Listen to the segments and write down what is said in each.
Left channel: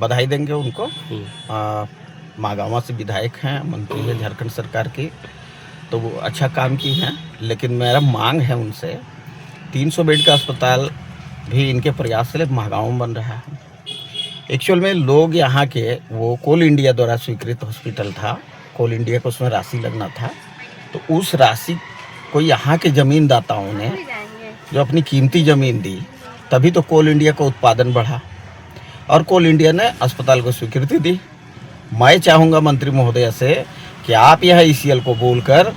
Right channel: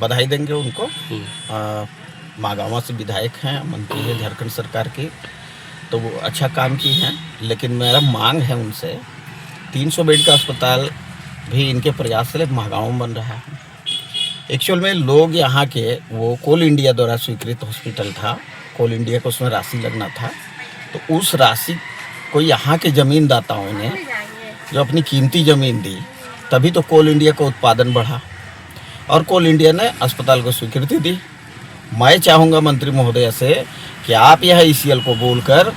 बधाई देंगे उनको। मागावा से विधायक हैं, मंत्री है झारखंड सरकार के, तो वो अच्छा काम की हैं। लेकिन मेरा मांग है उनसे 300 बेड का अस्पताल भी इनके प्रयास से महागांव में बन रहा है। एक्चुअल में लोग यहाँ के, वो कोल इंडिया द्वारा स्वीकृत हॉस्पिटल था, कोल इंडिया को उसमें राशि लगना था, तो उस राशि को यहाँ के ज़मीनदाताओं ने जो अपनी कीमती ज़मीन दी, तभी तो कोल इंडिया का उत्पादन बढ़ा और कोल इंडिया ने अस्पताल को स्वीकृति दी। मैं चाहूँगा मंत्री महोदय से कि आप यह ईसीएल को बोलकर,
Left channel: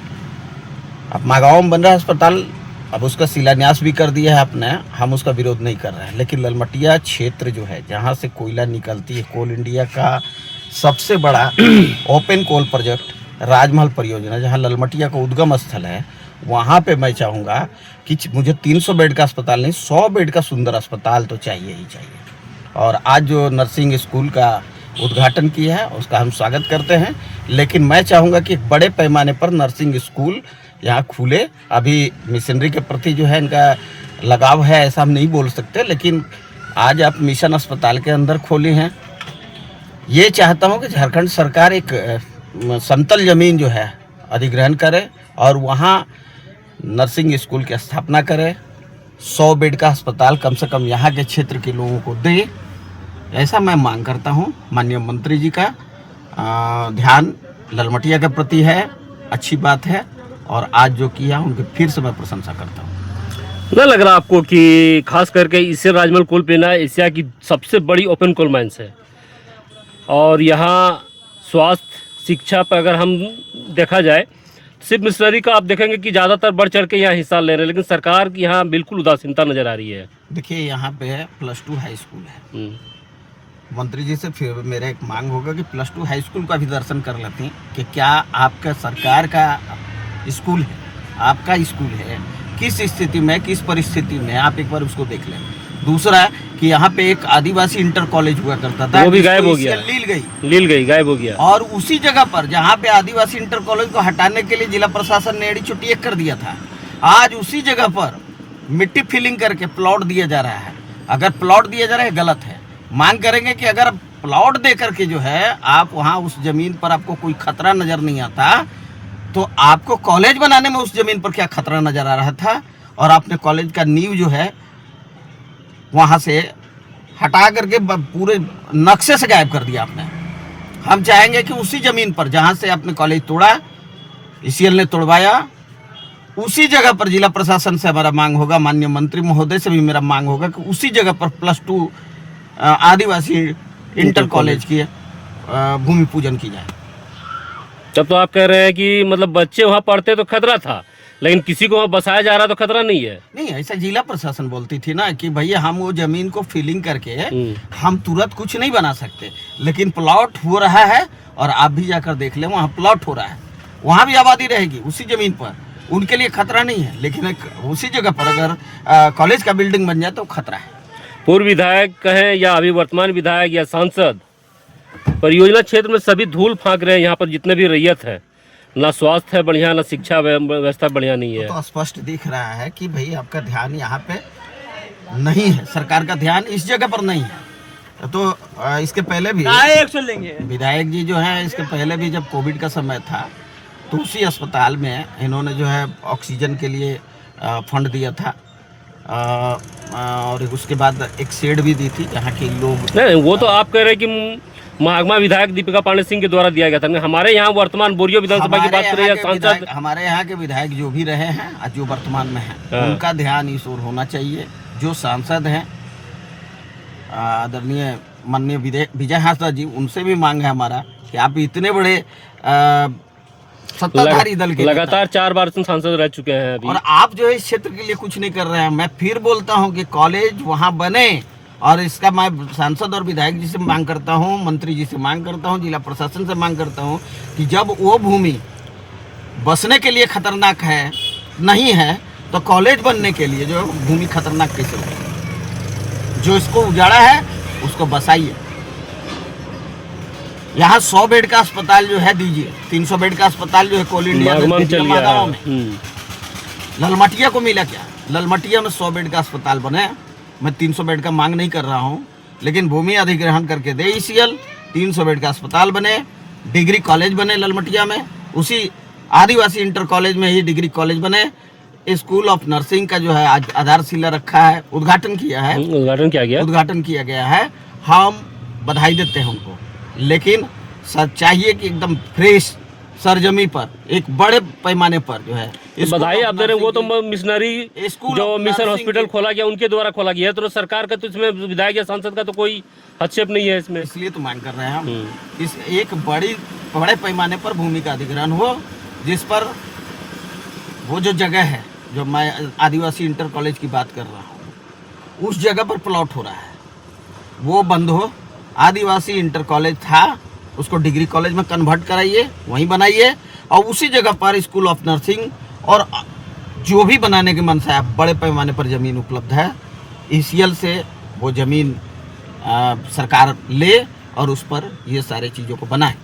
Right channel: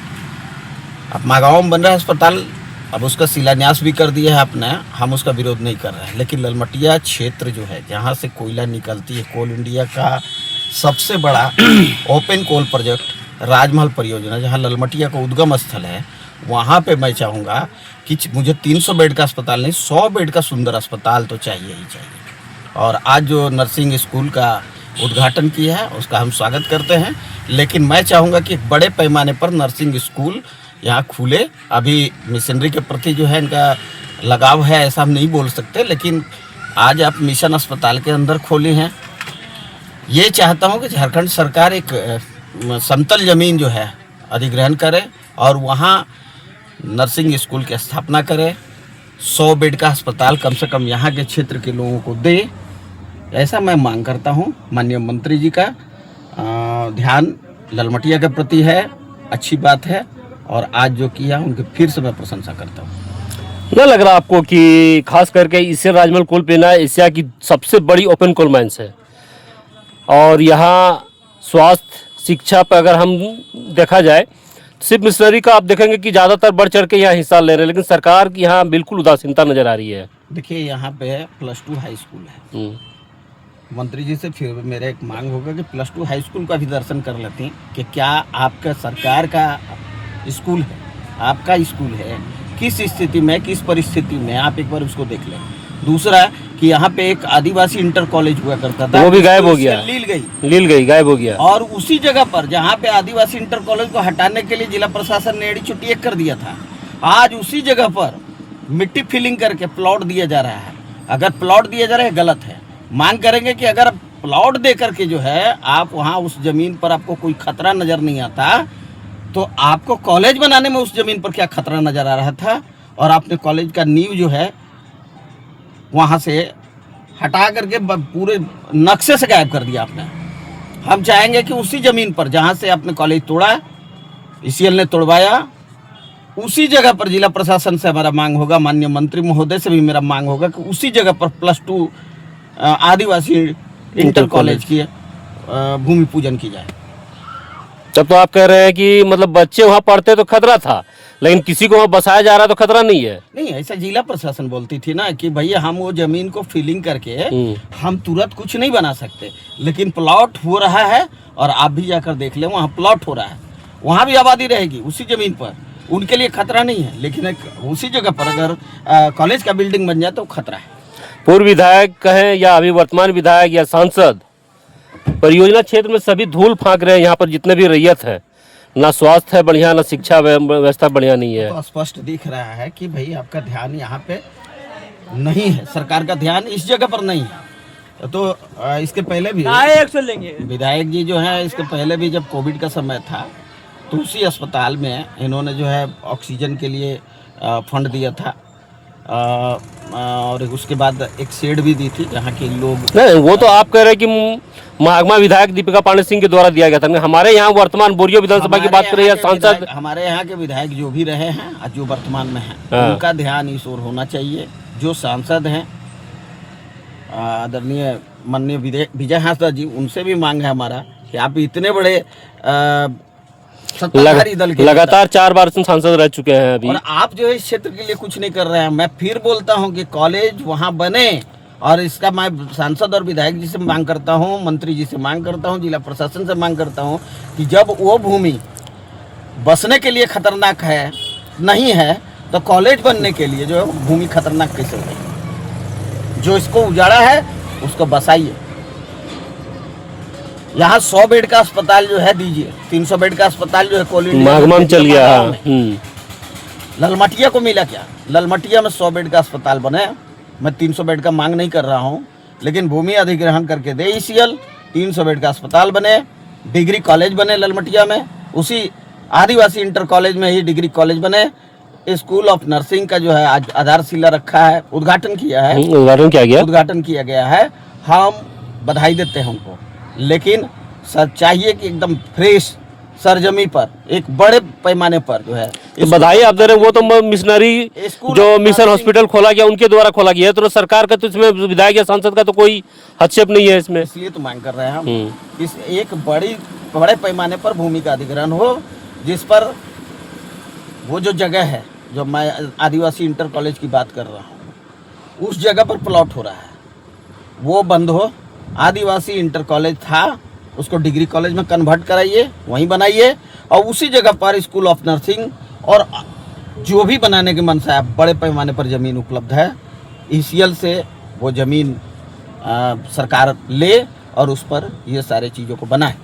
अब मागांव में बन रहा है अस्पताल, अब उसका शिलान्यास भी कर दिया है आपने, हम उसका विरोध नहीं कर रहे हैं, लेकिन ललमटिया क्षेत्र जो है जहाँ से कोयला निकलती है, कोल इंडिया का सबसे बड़ा ओपन कोल प्रोजेक्ट राजमहल परियोजना, जहाँ ललमटिया का उद्गम स्थल है, वहाँ पे मैं चाहूँगा कि मुझे 300 बेड का अस्पताल नहीं, 100 बेड का सुंदर अस्पताल तो चाहिए ही चाहिए। और आज जो नर्सिंग स्कूल का उद्घाटन किया है उसका हम स्वागत करते हैं, लेकिन मैं चाहूँगा कि एक बड़े पैमाने पर नर्सिंग स्कूल यहाँ खुले। अभी मिशनरी के प्रति जो है इनका लगाव है, ऐसा हम नहीं बोल सकते, लेकिन आज आप मिशन अस्पताल के अंदर खोले हैं। ये चाहता हूँ कि झारखंड सरकार एक समतल ज़मीन जो है अधिग्रहण करे और वहाँ नर्सिंग स्कूल की स्थापना करे, 100 बेड का अस्पताल कम से कम यहाँ के क्षेत्र के लोगों को दे, ऐसा मैं मांग करता हूँ। माननीय मंत्री जी का ध्यान ललमटिया के प्रति है, अच्छी बात है, और आज जो किया उनकी फिर से मैं प्रशंसा करता हूँ। न लग रहा आपको कि खास करके इससे राजमहल कोल पेना एशिया की सबसे बड़ी ओपन कोल माइंस है, और यहाँ स्वास्थ्य शिक्षा पर अगर हम देखा जाए सिर्फ मिशनरी का आप देखेंगे कि ज़्यादातर बढ़ चढ़ के यहाँ हिस्सा ले रहे हैं, लेकिन सरकार की यहाँ बिल्कुल उदासीनता नज़र आ रही है। देखिए यहाँ पे +2 हाई स्कूल है, मंत्री जी से फिर मेरा एक मांग होगा कि +2 हाई स्कूल का भी दर्शन कर लेते हैं कि क्या आपका सरकार का स्कूल है, आपका स्कूल है, किस स्थिति में, किस परिस्थिति में, आप एक बार उसको देख लें। दूसरा कि यहाँ पे एक आदिवासी इंटर कॉलेज हुआ करता था, वो भी गायब हो गया, लील गई गायब हो गया। और उसी जगह पर जहाँ पे आदिवासी इंटर कॉलेज को हटाने के लिए जिला प्रशासन ने एड़ी चुट्टी कर दिया था, आज उसी जगह पर मिट्टी फिलिंग करके प्लॉट दिया जा रहा है। अगर प्लॉट दिया जा रहा है गलत है, मांग करेंगे कि अगर प्लॉट दे करके जो है आप वहाँ उस जमीन पर आपको कोई खतरा नजर नहीं आता, तो आपको कॉलेज बनाने में उस जमीन पर क्या खतरा नजर आ रहा था, और आपने कॉलेज का नींव जो है वहाँ से हटा करके पूरे नक्शे से गायब कर दिया आपने। हम चाहेंगे कि उसी ज़मीन पर जहाँ से आपने कॉलेज तोड़ा, ईसीएल ने तोड़वाया, उसी जगह पर जिला प्रशासन से हमारा मांग होगा, माननीय मंत्री महोदय से भी मेरा मांग होगा कि उसी जगह पर +2 आदिवासी इंटर कॉलेज की भूमि पूजन की जाए। जब तो आप कह रहे हैं कि मतलब बच्चे वहाँ पढ़ते तो खतरा था, लेकिन किसी को वहाँ बसाया जा रहा तो खतरा नहीं है। नहीं, ऐसा जिला प्रशासन बोलती थी ना कि भैया हम वो जमीन को फिलिंग करके हम तुरंत कुछ नहीं बना सकते, लेकिन प्लॉट हो रहा है, और आप भी जाकर देख लें वहाँ प्लॉट हो रहा है, वहाँ भी आबादी रहेगी उसी जमीन पर, उनके लिए खतरा नहीं है। लेकिन उसी जगह पर अगर कॉलेज का बिल्डिंग बन जाए तो खतरा है। पूर्व विधायक कहें या अभी वर्तमान विधायक या सांसद, परियोजना क्षेत्र में सभी धूल फांक रहे हैं। यहाँ पर जितने भी रैयत है, ना स्वास्थ्य है बढ़िया, ना शिक्षा व्यवस्था बढ़िया नहीं है। तो स्पष्ट दिख रहा है कि भाई आपका ध्यान यहाँ पे नहीं है, सरकार का ध्यान इस जगह पर नहीं है। तो इसके पहले भी विधायक जी जो है, इसके पहले भी जब कोविड का समय था तो उसी अस्पताल में इन्होंने जो है ऑक्सीजन के लिए फंड दिया था, और उसके बाद एक शेड भी दी थी जहाँ के लोग। नहीं, वो तो आप कह रहे हैं कि महागमा विधायक दीपिका पांडे सिंह के द्वारा दिया गया था। हमारे यहाँ वर्तमान बोरियो विधानसभा की बात करें या सांसद, हमारे यहाँ के विधायक जो भी रहे हैं आज जो वर्तमान में हैं, उनका ध्यान इस ओर होना चाहिए। जो सांसद हैं आदरणीय माननीय विजय हांसदा जी, उनसे भी मांग है हमारा कि आप इतने बड़े सत्ताधारी दल के लगातार 4 बार सांसद रह चुके हैं अभी, और आप जो है इस क्षेत्र के लिए कुछ नहीं कर रहे हैं। मैं फिर बोलता हूं कि कॉलेज वहां बने, और इसका मैं सांसद और विधायक जी से मांग करता हूं, मंत्री जी से मांग करता हूं, जिला प्रशासन से मांग करता हूं कि जब वो भूमि बसने के लिए खतरनाक है नहीं है, तो कॉलेज बनने के लिए जो भूमि खतरनाक कैसे होगी? जो इसको उजाड़ा है उसको बसाइए। यहाँ 100 बेड का अस्पताल जो है दीजिए, 300 बेड का अस्पताल जो है कोल इंडिया चल गया। ललमटिया को मिला क्या? ललमटिया में 100 बेड का अस्पताल बने। मैं 300 बेड का मांग नहीं कर रहा हूँ, लेकिन भूमि अधिग्रहण करके दे ईसीएल, 300 बेड का अस्पताल बने, डिग्री कॉलेज बने ललमटिया में, उसी आदिवासी इंटर कॉलेज में ही डिग्री कॉलेज बने, स्कूल ऑफ नर्सिंग का जो है आज आधारशिला रखा है, उद्घाटन किया है, उद्घाटन किया गया है। हम बधाई देते हैं उनको, लेकिन सर चाहिए कि एकदम फ्रेश सरजमी पर एक बड़े पैमाने पर जो है तो बधाई आप दे रहे हैं, वो तो मिशनरी स्कूल जो ऑफ मिशन नर्सिंग- हॉस्पिटल खोला गया उनके द्वारा खोला गया है, तो सरकार का तो इसमें विधायक या सांसद का तो कोई हस्तक्षेप नहीं है इसमें। इसलिए तो मांग कर रहे हैं हम इस एक बड़े पैमाने पर भूमि का अधिग्रहण हो, जिस पर वो जो जगह है जो मैं आदिवासी इंटर कॉलेज की बात कर रहा हूँ, उस जगह पर प्लॉट हो रहा है, वो बंद हो। आदिवासी इंटर कॉलेज था, उसको डिग्री कॉलेज में कन्वर्ट कराइए, वहीं बनाइए, और उसी जगह पर स्कूल ऑफ नर्सिंग और जो भी बनाने की मनसा है, बड़े पैमाने पर ज़मीन उपलब्ध है, ईसीएल से वो ज़मीन सरकार ले और उस पर ये सारे चीज़ों को बनाए।